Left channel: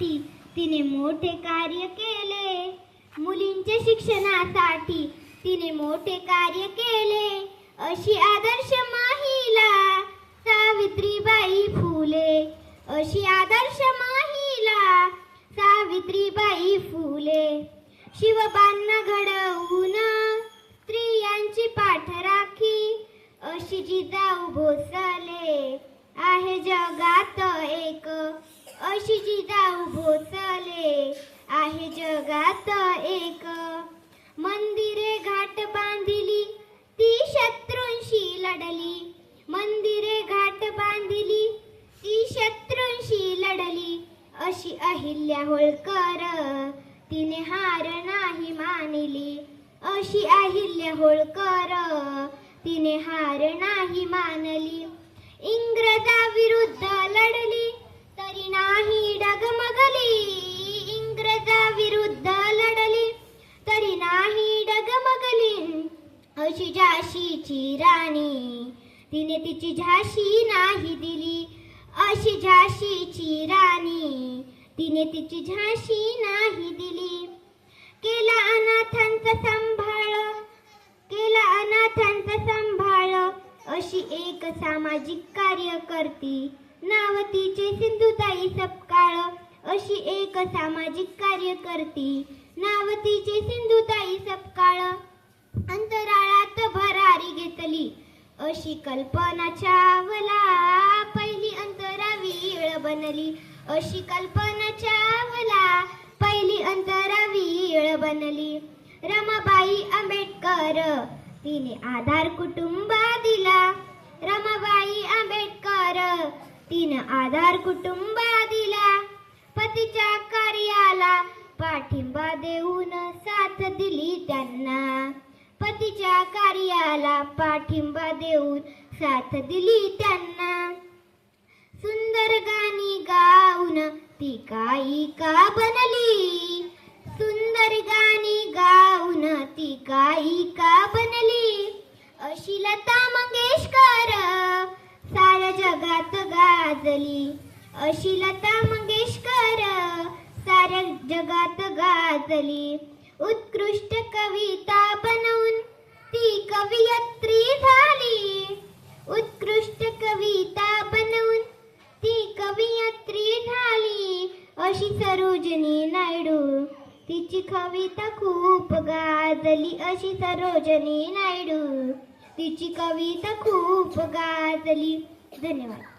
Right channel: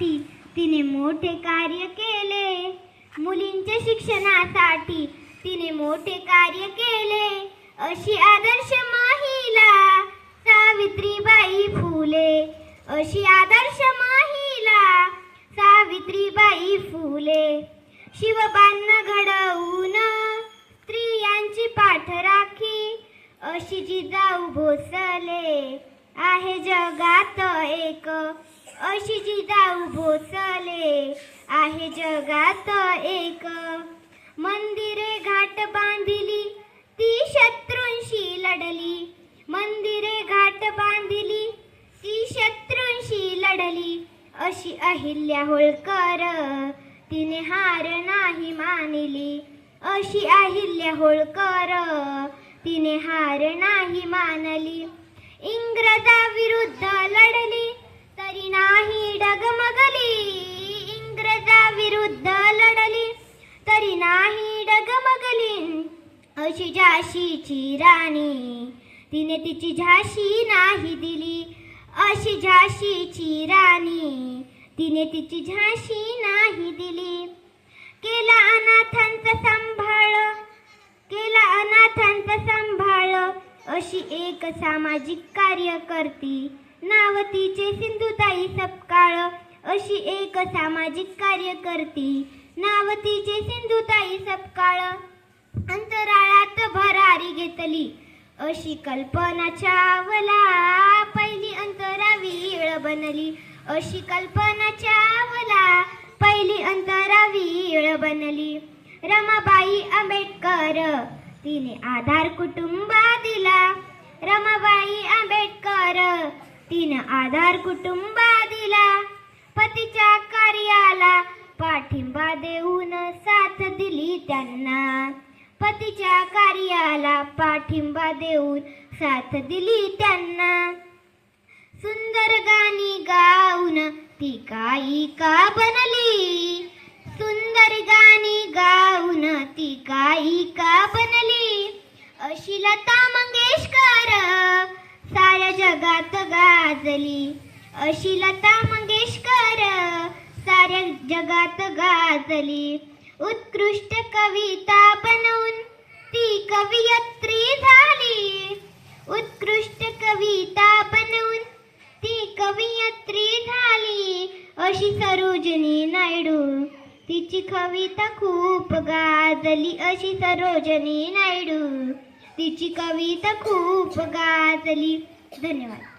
शिक्षणासाठी तिने मोठे कार्य केले. मुलींच्या शिक्षणासाठी तिने मोठे कार्य केले. अशी आदर्श महिला सावित्रीबाई फुले. अशी आदर्श महिला सावित्रीबाई फुले. शिवबांना घडवून स्त्रियांची पाठराखी अशी जिजाऊ भोसले आहे जगात एक. अशी जिजाऊ भोसले आहे जगात एक. मंदिरे घाट बांधिली ती शत्रूंशी लढली. मंदिरे घाट बांधिली ती शत्रूंशी लढली. अशी अहिल्या होळकर तिने हार नाही मानली. अशी अहिल्या होळकर तिने हार नाही मानली. इंग्रजाविरुद्ध लढली अशी झाशीची राणी. तिने तिची झाशी नाही दिली. अशी झाशीची राणी. तिने तिची झाशी नाही दिली. केला अनाथांचा सांभाळ. केला अनाथांचा सांभाळ. अशी एक सामाजिक कार्यकर्ती नाव तिचे सिंधुताई सपकाळ. अशी एक सामाजिक कार्यकर्ती नाव तिचे सिंधुताई सपकाळ. अंतराळात भरारी घेतली. अशी कल्पना चावला. पहिली अंतरावीळ बनली. अशी कल्पना चावला. पहिली अंतरावीळ बनली. रमाबाई आंबेडकर तिने आधार कुटुंबा दिला. रमाबाई आंबेडकर तिने आधार कुटुंबा दिला. पतीच्या कार्याला पाठिंबा देऊन साथ दिली त्यांना. पतीच्या कार्याला पाठिंबा देऊन साथ दिली त्यांना. सुंदर गाणी गाऊन ती गायिका बनली? सुंदर गाणी गाऊन ती गायिका बनली? अशी लता मंगेशकर साऱ्या जगात गाजली. अशी लता मंगेशकर साऱ्या जगात गाजली. उत्कृष्ट कविता कवियत्री झाली उत्कृष्ट कविता बनवून ती कवियत्री झाली. अशी सरोजनी नायडू तिची कविता खूप गाजली. अशी सरोजनी नायडू तिची कविता खूप गाजली. धन्यवाद.